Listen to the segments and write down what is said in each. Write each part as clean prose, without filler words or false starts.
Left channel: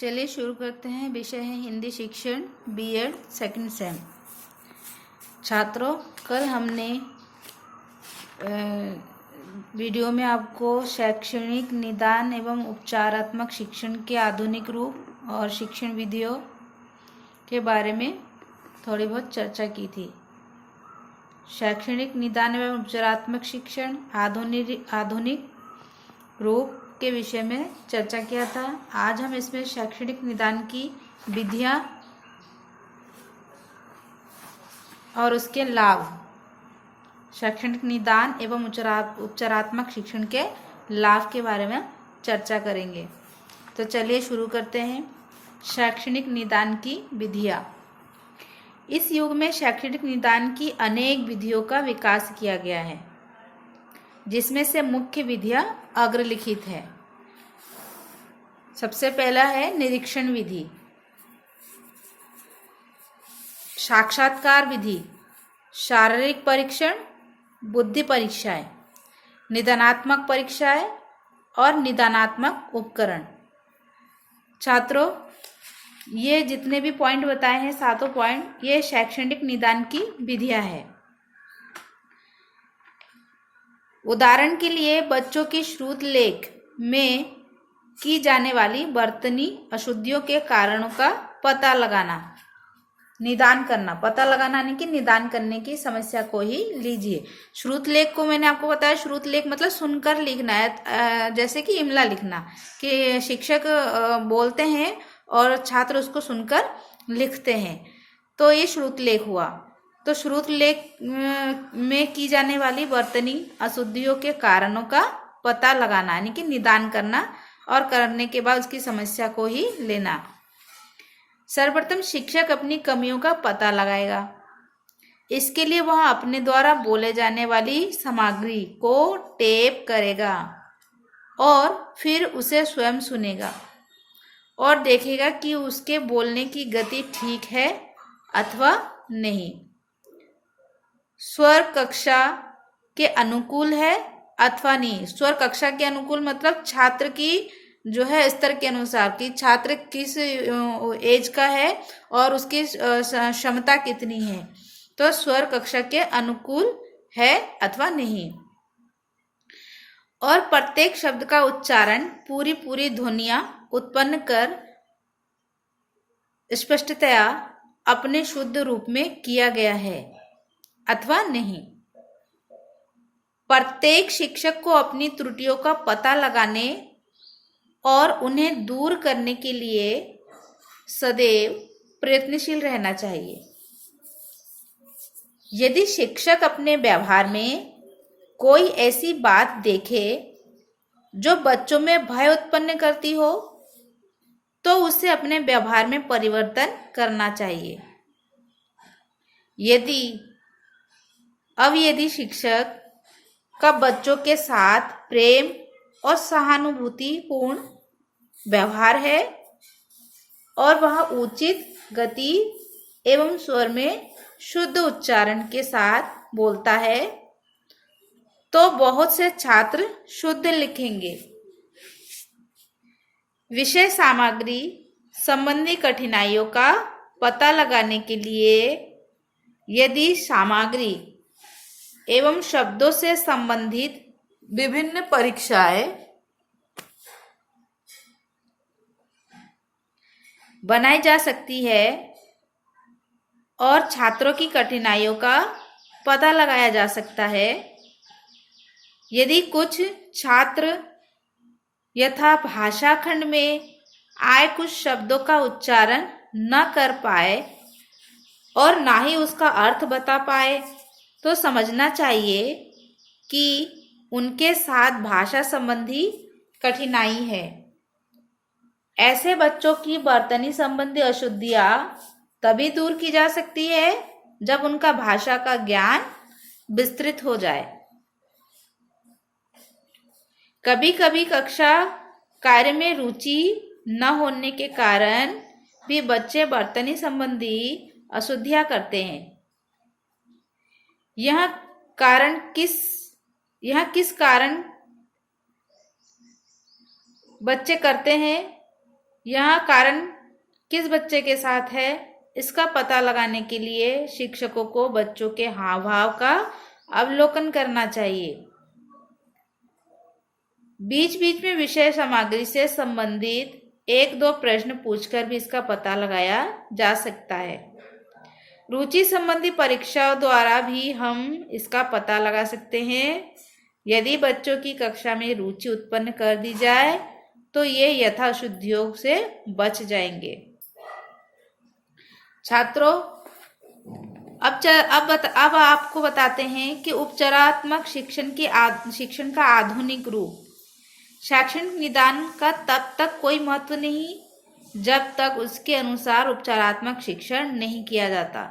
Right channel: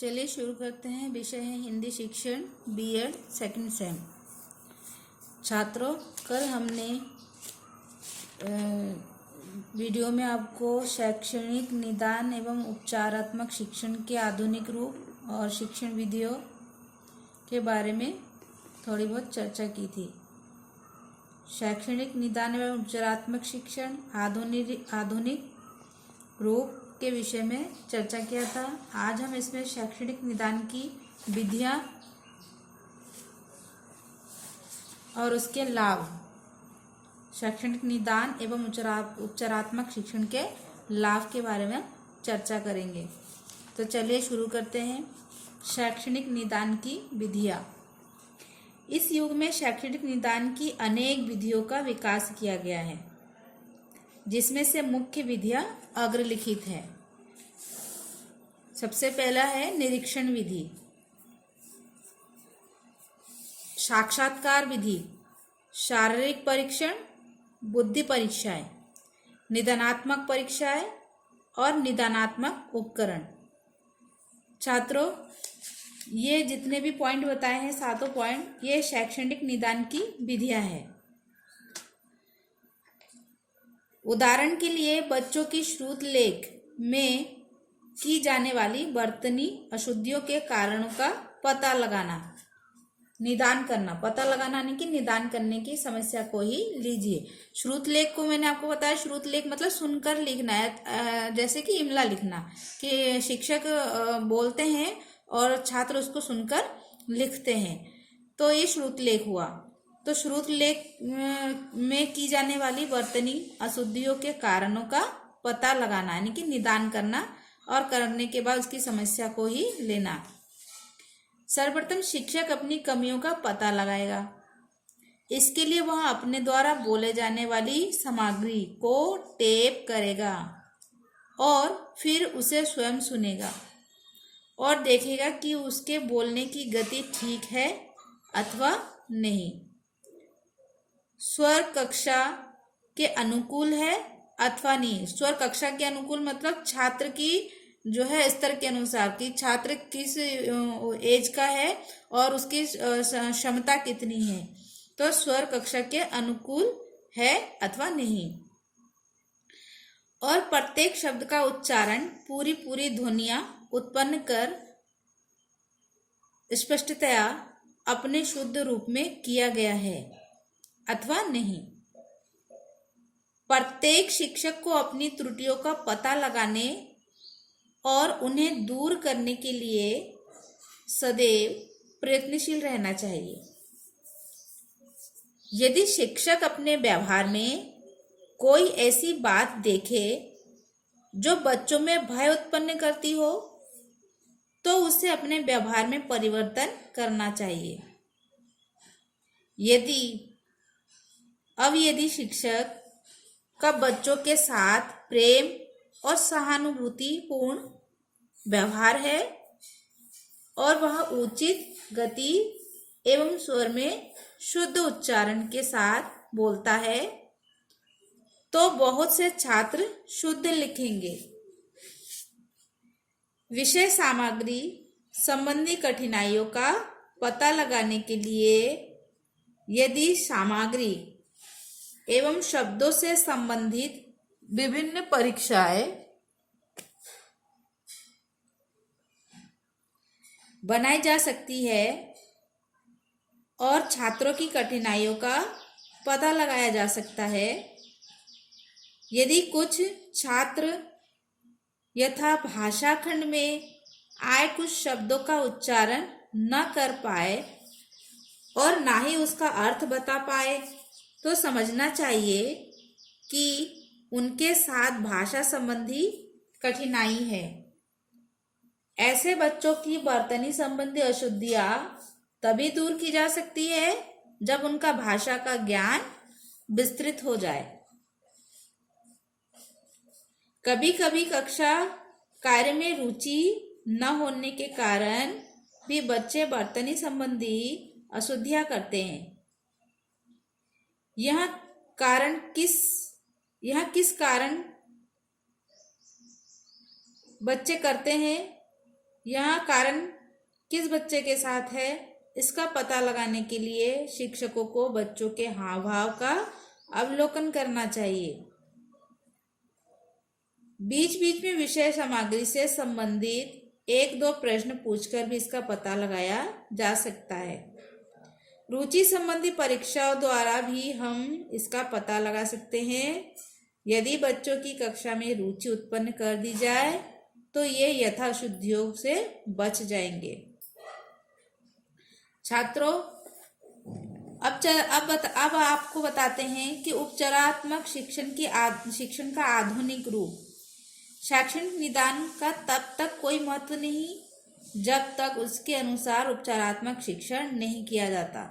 चलिए शुरू करते हैं। विषय है हिंदी शिक्षण बीएड सेकंड सेम। छात्रों, कल हमने वीडियो में आपको शैक्षणिक निदान एवं उपचारात्मक शिक्षण के आधुनिक रूप और शिक्षण विधियों के बारे में थोड़ी बहुत चर्चा की थी। शैक्षणिक निदान एवं उपचारात्मक शिक्षण आधुनिक रूप के विषय में चर्चा किया था। आज हम इसमें शैक्षणिक निदान की विधियां और उसके लाभ, शैक्षणिक निदान एवं उपचारात्मक शिक्षण के लाभ के बारे में चर्चा करेंगे। तो चलिए शुरू करते हैं। शैक्षणिक निदान की विधियां। इस युग में शैक्षणिक निदान की अनेक विधियों का विकास किया गया है, जिसमें से मुख्य विधियां अग्रलिखित है। सबसे पहला है निरीक्षण विधि, साक्षात्कार विधि, शारीरिक परीक्षण, बुद्धि परीक्षाएं, निदानात्मक परीक्षाएं और निदानात्मक उपकरण। छात्रों, ये जितने भी पॉइंट बताए हैं, सातों पॉइंट, ये शैक्षणिक निदान की विधियां हैं। उदाहरण के लिए बच्चों की श्रुत लेख में की जाने वाली वर्तनी अशुद्धियों के कारणों का पता लगाना, निदान करना। पता लगाना यानी कि निदान करने की समस्या को ही लीजिए। श्रुत लेख को मैंने आपको बताया, श्रुत लेख मतलब सुनकर लिखना है, जैसे कि इमला लिखना, कि शिक्षक बोलते हैं और छात्र उसको सुनकर लिखते हैं, तो ये श्रुत लेख हुआ। तो श्रुत लेख में की जाने वाली वर्तनी अशुद्धियों के कारणों का पता लगाना यानी कि निदान करना, और करने के बाद उसकी समस्या को ही लेना। सर्वप्रथम शिक्षक अपनी कमियों का पता लगाएगा। इसके लिए वह अपने द्वारा बोले जाने वाली सामग्री को टेप करेगा और फिर उसे स्वयं सुनेगा और देखेगा कि उसके बोलने की गति ठीक है अथवा नहीं, स्वर कक्षा के अनुकूल है अथवा नहीं। स्वर कक्षा के अनुकूल मतलब छात्र की जो है स्तर के अनुसार, कि छात्र किस एज का है और उसकी क्षमता कितनी है, तो स्वर कक्षा के अनुकूल है अथवा नहीं। और प्रत्येक शब्द का उच्चारण पूरी ध्वनियां उत्पन्न कर स्पष्टतया अपने शुद्ध रूप में किया गया है अथवा नहीं। प्रत्येक शिक्षक को अपनी त्रुटियों का पता लगाने और उन्हें दूर करने के लिए सदैव प्रयत्नशील रहना चाहिए। यदि शिक्षक अपने व्यवहार में कोई ऐसी बात देखे जो बच्चों में भय उत्पन्न करती हो, तो उसे अपने व्यवहार में परिवर्तन करना चाहिए। यदि शिक्षक का बच्चों के साथ प्रेम और सहानुभूतिपूर्ण व्यवहार है और वह उचित गति एवं स्वर में शुद्ध उच्चारण के साथ बोलता है, तो बहुत से छात्र शुद्ध लिखेंगे। विषय सामग्री संबंधी कठिनाइयों का पता लगाने के लिए यदि सामग्री एवं शब्दों से संबंधित विभिन्न परीक्षाएं बनाई जा सकती है और छात्रों की कठिनाइयों का पता लगाया जा सकता है। यदि कुछ छात्र यथा भाषा खंड में आए कुछ शब्दों का उच्चारण न कर पाए और ना ही उसका अर्थ बता पाए, तो समझना चाहिए कि उनके साथ भाषा संबंधी कठिनाई है। ऐसे बच्चों की वर्तनी संबंधी अशुद्धियां तभी दूर की जा सकती है जब उनका भाषा का ज्ञान विस्तृत हो जाए। कभी कभी कक्षा कार्य में रुचि न होने के कारण भी बच्चे वर्तनी संबंधी अशुद्धियां करते हैं। यह किस कारण बच्चे करते हैं, यहाँ कारण किस बच्चे के साथ है, इसका पता लगाने के लिए शिक्षकों को बच्चों के हाव भाव का अवलोकन करना चाहिए। बीच बीच में विषय सामग्री से संबंधित 1-2 प्रश्न पूछकर भी इसका पता लगाया जा सकता है। रुचि संबंधी परीक्षाओं द्वारा भी हम इसका पता लगा सकते हैं। यदि बच्चों की कक्षा में रुचि उत्पन्न कर दी जाए तो ये यथाशुद्धियों से बच जाएंगे। छात्रों, अब आपको बताते हैं कि उपचारात्मक शिक्षण का आधुनिक रूप। शैक्षणिक निदान का तब तक कोई महत्व नहीं जब तक उसके अनुसार उपचारात्मक शिक्षण नहीं किया जाता।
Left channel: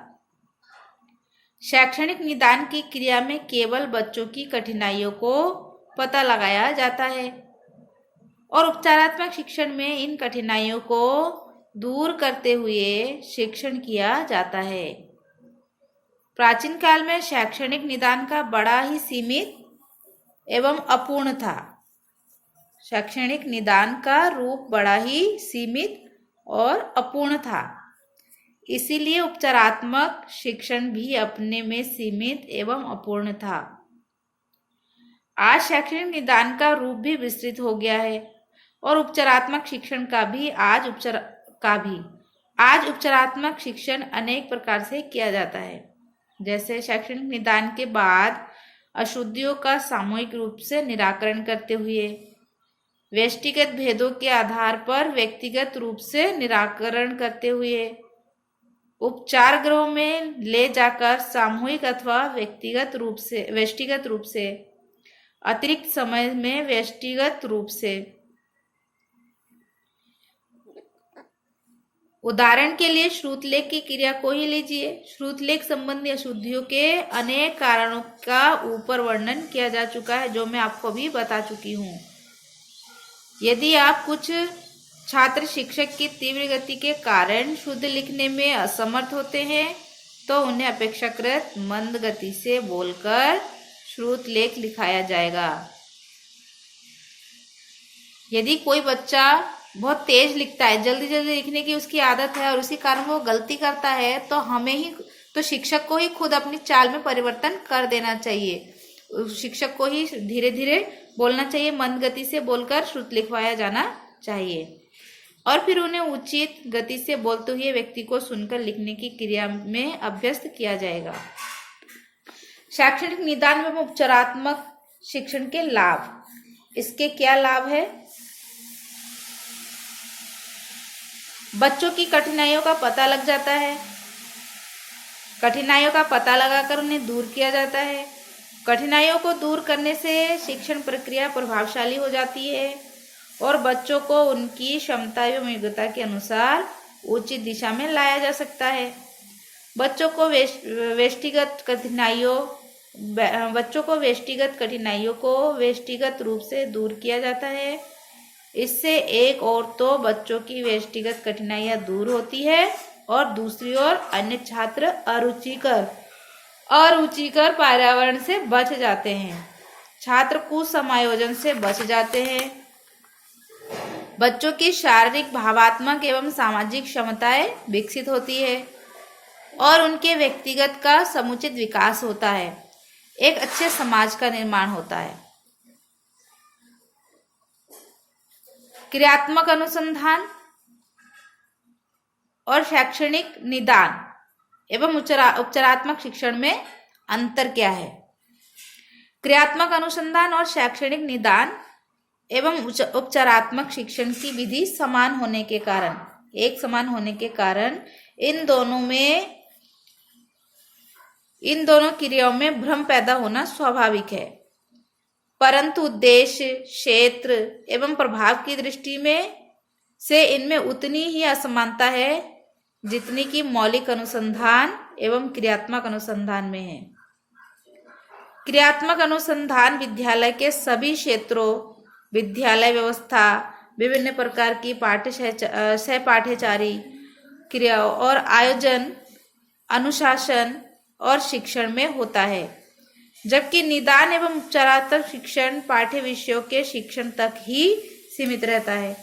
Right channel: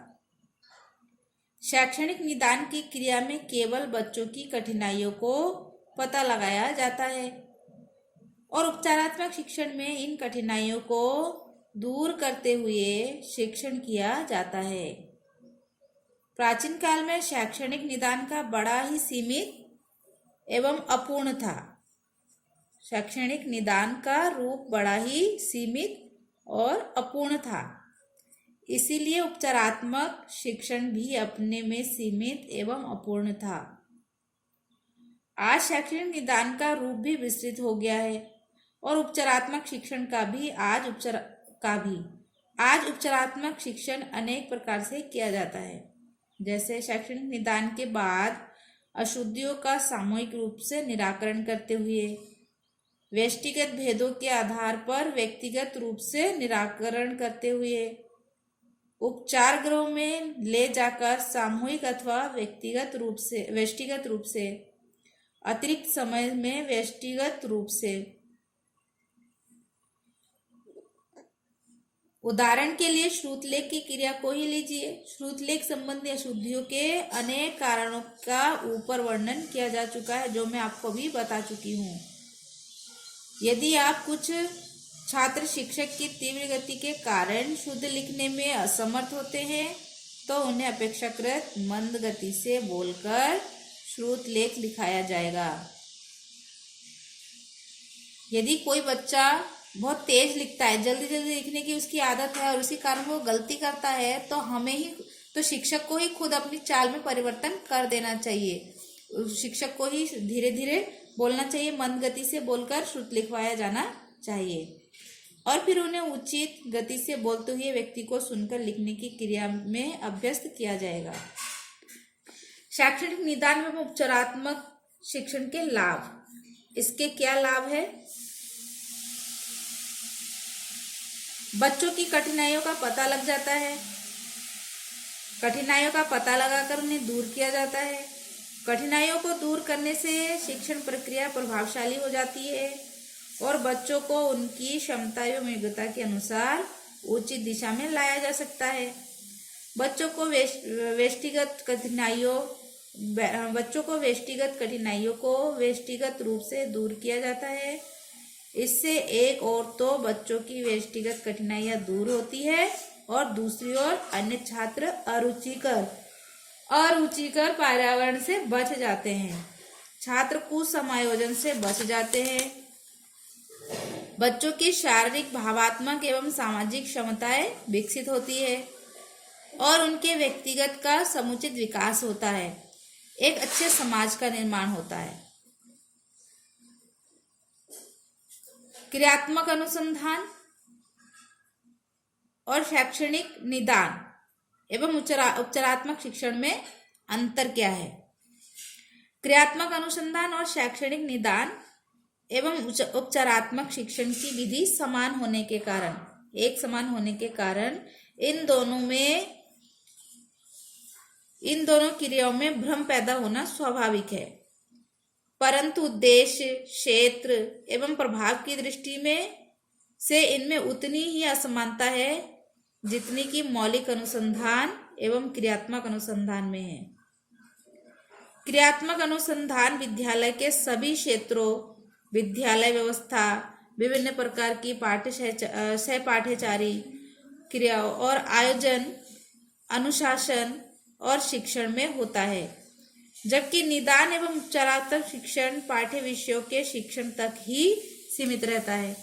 शैक्षणिक निदान की क्रिया में केवल बच्चों की कठिनाइयों को पता लगाया जाता है और उपचारात्मक शिक्षण में इन कठिनाइयों को दूर करते हुए शिक्षण किया जाता है। प्राचीन काल में शैक्षणिक निदान का बड़ा ही सीमित एवं अपूर्ण था। शैक्षणिक निदान का रूप बड़ा ही सीमित और अपूर्ण था, इसीलिए उपचारात्मक शिक्षण भी अपने में सीमित एवं अपूर्ण था। आज शैक्षणिक निदान का रूप भी विस्तृत हो गया है और उपचारात्मक शिक्षण का भी आज उपचारात्मक शिक्षण अनेक प्रकार से किया जाता है। जैसे शैक्षणिक निदान के बाद अशुद्धियों का सामूहिक रूप से निराकरण करते हुए, व्यक्तिगत भेदों के आधार पर व्यक्तिगत रूप से निराकरण करते हुए, उपचार गृहों में ले जाकर सामूहिक अथवा व्यक्तिगत रूप से, अतिरिक्त समय में व्यक्तिगत रूप से। उदाहरण के लिए श्रुतलेख की क्रिया को ही लीजिए। श्रुतलेख संबंधी अशुद्धियों के अनेक कारणों का ऊपर वर्णन किया जा चुका है, जो मैं आपको भी बता चुकी हूँ। यदि आप कुछ छात्र शिक्षक की तीव्र गति के कारण शुद्ध लिखने में असमर्थ होते हैं तो उन्हें अपेक्षाकृत मंद गति से बोलकर श्रुतलेख लिखाया जाएगा। यदि कोई बच्चा बहुत तेज लिखता है, जल्दी जल्दी लिखने की उसकी आदत है और उसी कारण वो गलती करता है, तो शिक्षक को ही खुद अपनी चाल में परिवर्तन कर देना चाहिए। शिक्षक को ही धीरे धीरे बोलना चाहिए, मंद गति से बोलकर श्रुत लिखवाया जाना चाहिए और फिर उन्हें उचित गति से बोलते हुए व्यक्ति को सुनकर लिखने की क्रिया में अभ्यस्त किया जाएगा। शैक्षणिक निदान एवं उपचारात्मक शिक्षण के लाभ। इसके क्या लाभ है? बच्चों की कठिनाइयों का पता लग जाता है, कठिनाइयों का पता लगाकर उन्हें दूर किया जाता है। कठिनाइयों को दूर करने से शिक्षण प्रक्रिया प्रभावशाली हो जाती है और बच्चों को उनकी क्षमता एवं योग्यता के अनुसार उचित दिशा में लाया जा सकता है। बच्चों को व्यक्तिगत कठिनाइयों को व्यक्तिगत रूप से दूर किया जाता है। इससे एक ओर तो बच्चों की व्यक्तिगत कठिनाइयां दूर होती है और दूसरी ओर अन्य छात्र अरुचिकर पर्यावरण से बच जाते हैं। छात्र कुसमायोजन से बच जाते हैं। बच्चों की शारीरिक, भावात्मक एवं सामाजिक क्षमताएं विकसित होती है और उनके व्यक्तिगत का समुचित विकास होता है। एक अच्छे समाज का निर्माण होता है। क्रियात्मक अनुसंधान और शैक्षणिक निदान एवं उपचारात्मक शिक्षण में अंतर क्या है? क्रियात्मक अनुसंधान और शैक्षणिक निदान एवं उपचारात्मक शिक्षण की विधि एक समान होने के कारण इन दोनों क्रियाओं में भ्रम पैदा होना स्वाभाविक है, परंतु उद्देश्य, क्षेत्र एवं प्रभाव की दृष्टि में से इनमें उतनी ही असमानता है जितनी कि मौलिक अनुसंधान एवं क्रियात्मक अनुसंधान में है। क्रियात्मक अनुसंधान विद्यालय के सभी क्षेत्रों, विद्यालय व्यवस्था, विभिन्न प्रकार की सहपाठ्यचारी क्रियाओं और आयोजन, अनुशासन और शिक्षण में होता है, जबकि निदान एवं उपचारात्मक शिक्षण पाठ्य विषयों के शिक्षण तक ही सीमित रहता है।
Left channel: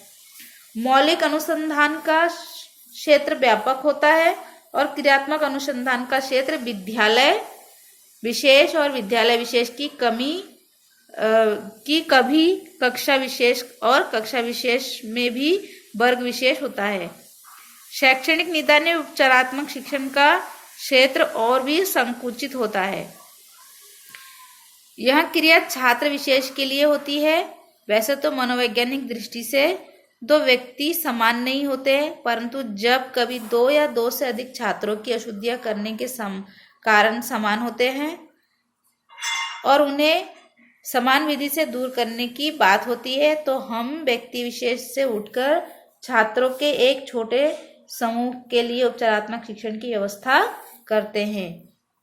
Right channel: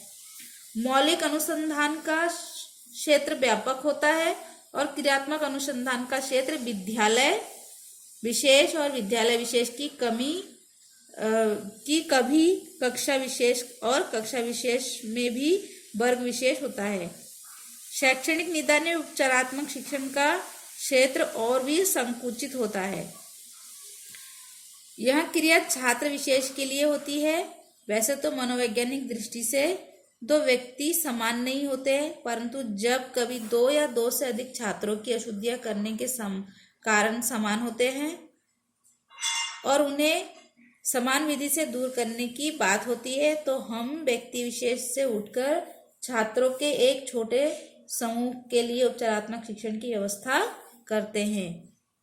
मौलिक अनुसंधान का क्षेत्र व्यापक होता है और क्रियात्मक अनुसंधान का क्षेत्र विद्यालय विशेष और विद्यालय विशेष की कभी कक्षा विशेष और कक्षा विशेष में भी वर्ग विशेष होता है। शैक्षणिक निदान में उपचारात्मक शिक्षण का क्षेत्र और भी संकुचित होता है। यह क्रिया छात्र विशेष के लिए होती है। वैसे तो मनोवैज्ञानिक दृष्टि से दो व्यक्ति समान नहीं होते, परंतु जब कभी दो या दो से अधिक छात्रों की अशुद्धियां करने के कारण समान होते हैं और उन्हें समान विधि से दूर करने की बात होती है, तो हम व्यक्ति विशेष से उठकर छात्रों के एक छोटे समूह के लिए उपचारात्मक शिक्षण की व्यवस्था करते हैं,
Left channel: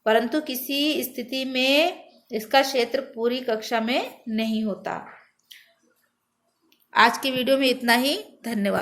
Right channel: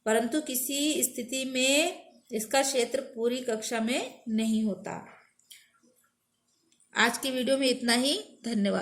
परंतु किसी स्थिति में इसका क्षेत्र पूरी कक्षा में नहीं होता। आज की वीडियो में इतना ही। धन्यवाद।